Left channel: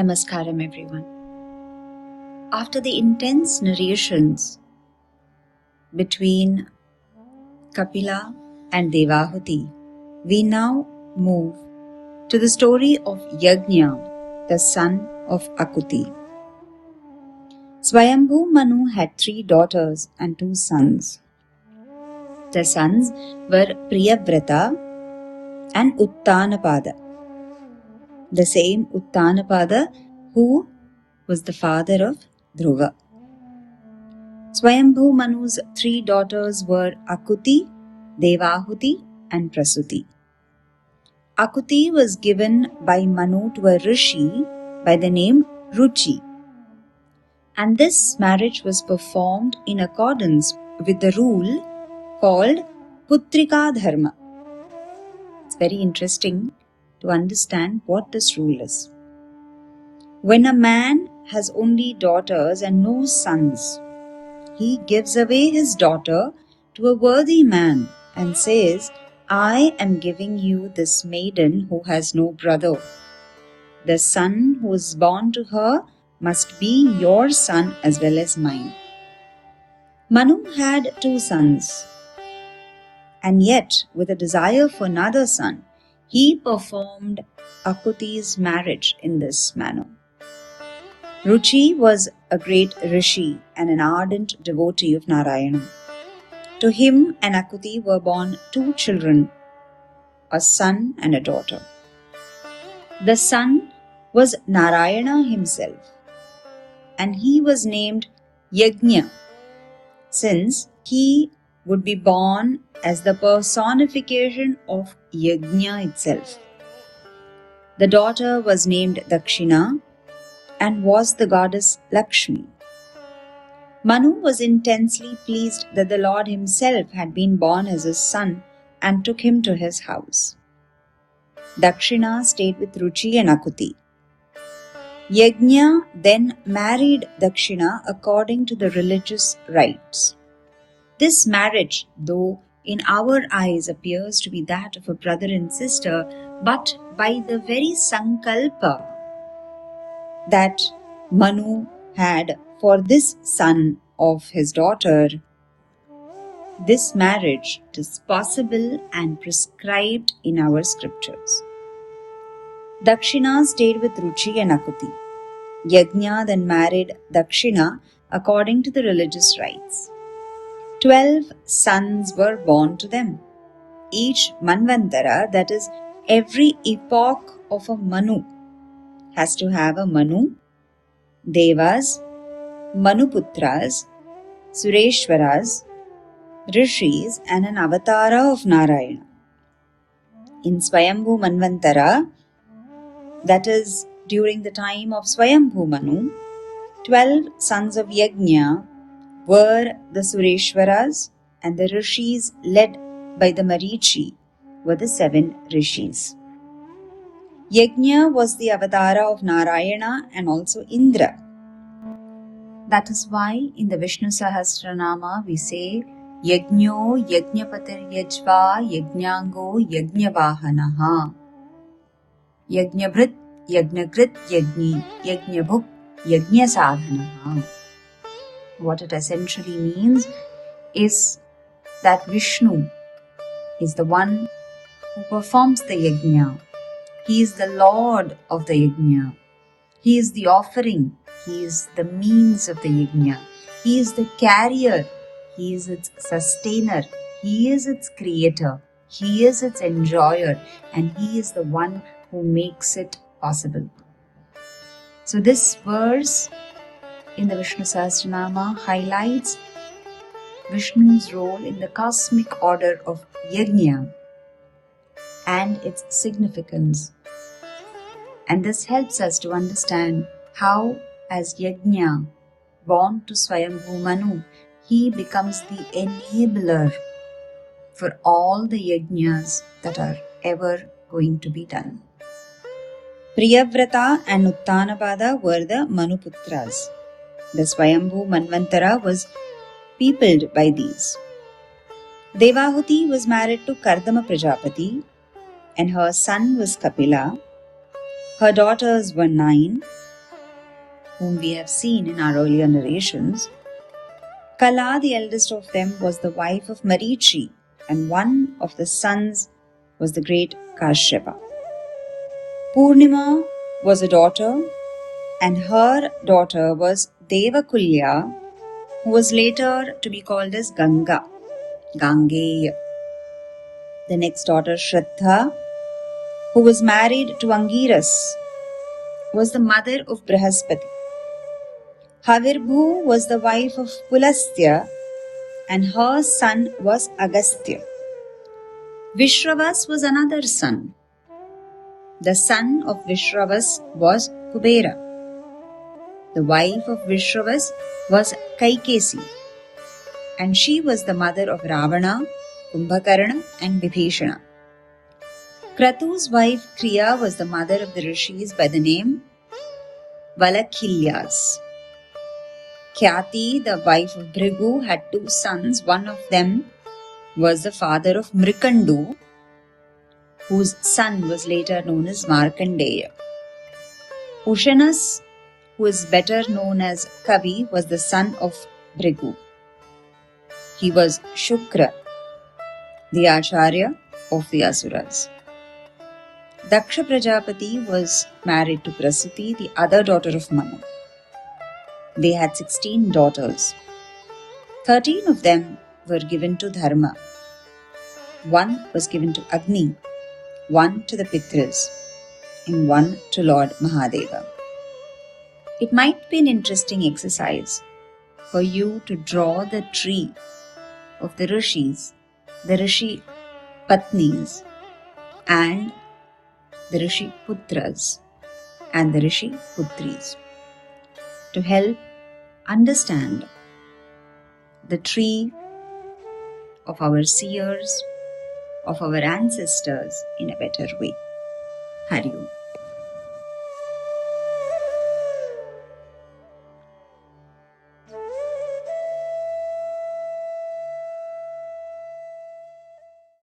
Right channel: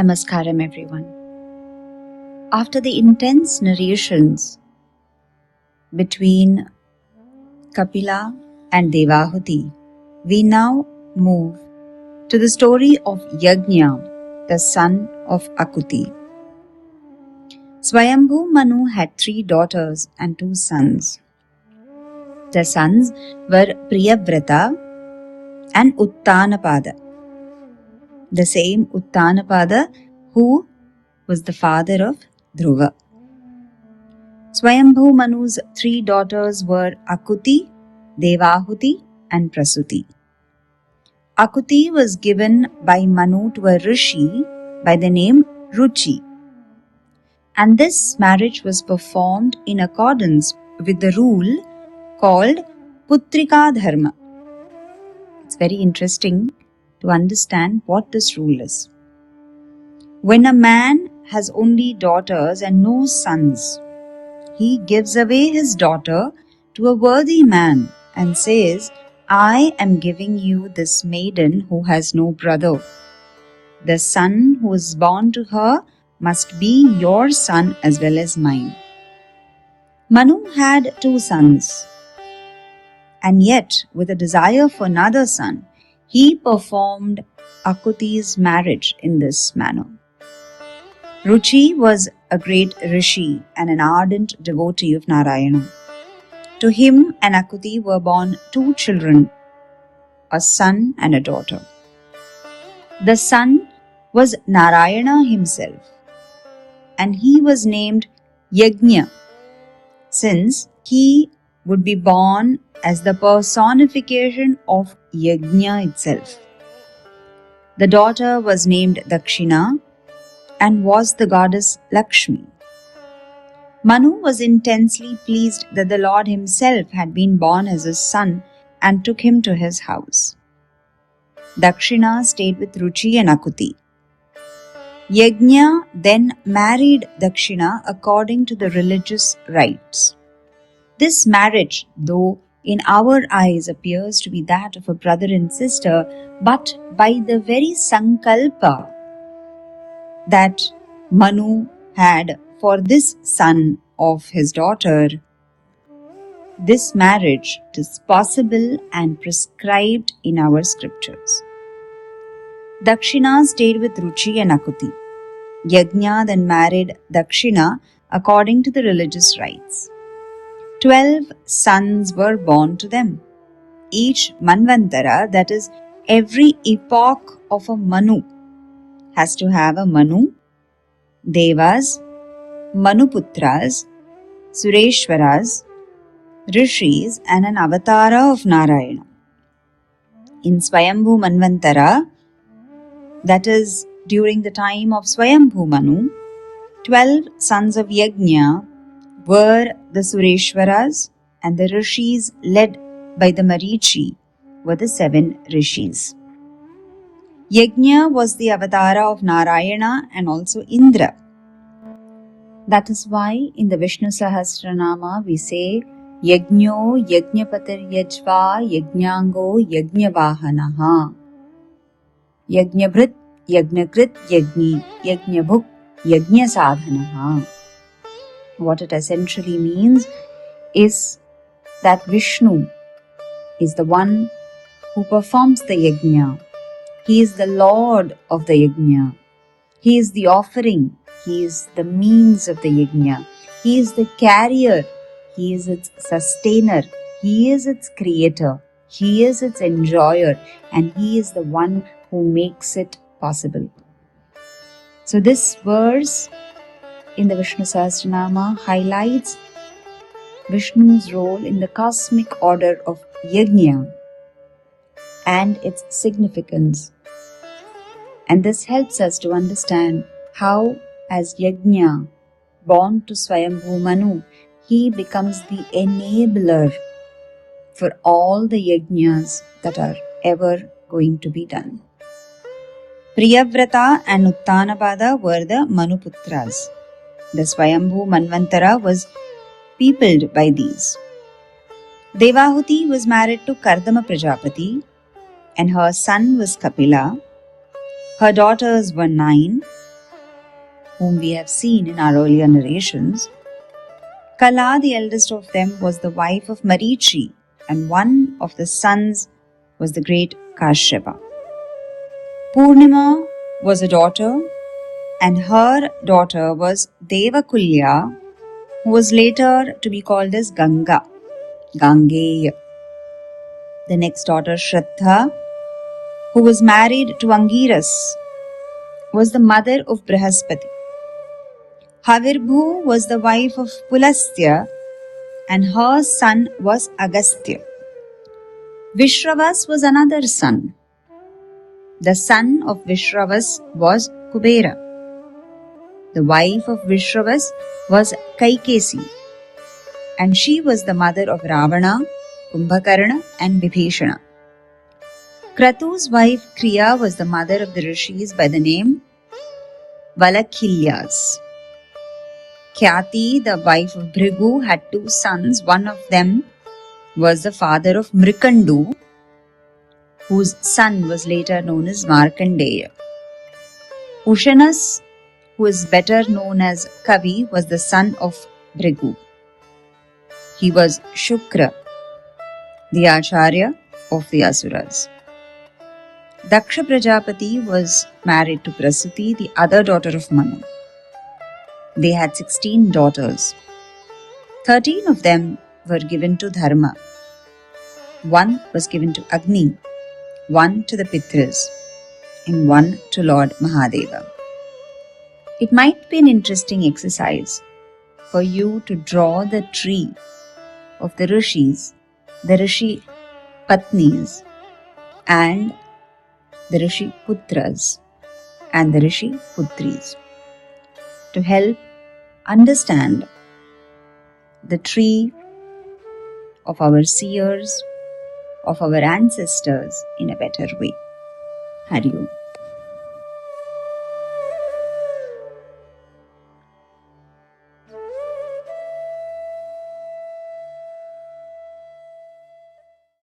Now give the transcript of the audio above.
Namaskaram, everyone. After the intense narrations between Kapila and Devahuti, we now move to the story of Yagnya, the son of Akuti. Swayambhu Manu had 3 daughters and 2 sons. The sons were Priyavrata and Uttanapada. The same Uttanapada who was the father of Dhruva. Swayambhu Manu's 3 daughters were Akuti, Devahuti and Prasuti. Akuti was given by Manu to a Rishi by the name Ruchi, and this marriage was performed in accordance with the rule called Putrika Dharma. It's very interesting to understand what this rule is. When a man has only daughters and no sons, he gives away his daughter to a worthy man and says, I am giving you this maiden who has no brother. The son who is born to her must be your son as well as mine. Manu had 2 sons, and yet with a desire for another son, he performed Akuti's marriage in this manner. Ruchi was a great Rishi and an ardent devotee of Narayana. To him and Akuti were born 2 children, a son and a daughter. The son was Narayana himself, and he was named Yagnya, since he would be born as the personification of Yagnya itself. The daughter was named Dakshina and was the goddess Lakshmi. Manu was intensely pleased that the Lord himself had been born as his son and took him to his house. Dakshina stayed with Ruchi and Akuti. Yagnya then married Dakshina according to the religious rites. This marriage, though in our eyes appears to be that of a brother and sister, but by the very sankalpa that Manu had for this son of his daughter, this marriage is possible and prescribed in our scriptures. Dakshina stayed with Ruchi and Akuti. Yagnya then married Dakshina according to the religious rites. 12 sons were born to them. Each Manvantara, that is, every epoch of a Manu, has to have a Manu, Devas, Manuputras, Sureshwaras, Rishis, and an avatara of Narayana. In Swayambhu Manvantara, that is, during the time of Swayambhu Manu, 12 sons of Yagnya were the Sureshwaras, and the Rishis led by the Marichi were the 7 Rishis. Yagnya was the avatara of Narayana and also Indra. That is why in the Vishnu Sahasranama we say Yagnyo Yajnapatir Yajva Yagnyango Yajnavahanaha. Yagnabhrit Yagnagrit Yagni Yagnabhuk Yagnya Sadhanaha. What it essentially means is that Vishnu is the one who performs the yajna. He is the Lord of the yajna. He is the offering. He is the means of the yajna. He is the carrier. He is its sustainer. He is its creator. He is its enjoyer. And He is the one who makes it possible. So this verse in the Vishnu Sahasranama highlights Vishnu's role in the cosmic order of Yagnya and its significance. And this helps us to understand how, as Yagnya, born to Swayambhu Manu, he becomes the enabler for all the Yagnyas that are ever going to be done. Priyavrata and Uttanapada were the Manuputras. The Swayambhu Manvantara was peopled by these. Devahuti was married to Kardama Prajapati and her son was Kapila. Her daughters were 9 whom we have seen in our earlier narrations. Kala, the eldest of them, was the wife of Marichi, and one of the sons was the great Kashyapa. Purnima was a daughter, and her daughter was Devakulya, who was later to be called as Ganga, Gangeya. The next daughter, Shraddha, who was married to Angiras, was the mother of Brihaspati. Havirbhu was the wife of Pulastya, and her son was Agastya. Vishravas was another son. The son of Vishravas was Kubera. The wife of Vishravas was Kaikesi, and she was the mother of Ravana, Kumbhakarna, and Vibhishana. Kratu's wife Kriya was the mother of the rishis by the name Valakilyas. Khyati, the wife of Bhrigu, had two sons. One of them was the father of Mrikandu, whose son was later known as Markandeya. Ushanas, who is better known as Kavi, was the son of Bhrigu. He was Shukra, the Acharya of the Asuras. Daksha Prajapati was married to Prasuti, the other daughter of Manu. They had 16 daughters. 13 of them were given to Dharma. One was given to Agni, one to the Pitras, and one to Lord Mahadeva. It might be an interesting exercise for you to draw the tree of the Rishis, the Rishi Patnis, and the Rishi Putras, and the Rishi Putris, to help understand the tree of our seers, of our ancestors in a better way. Hari Om.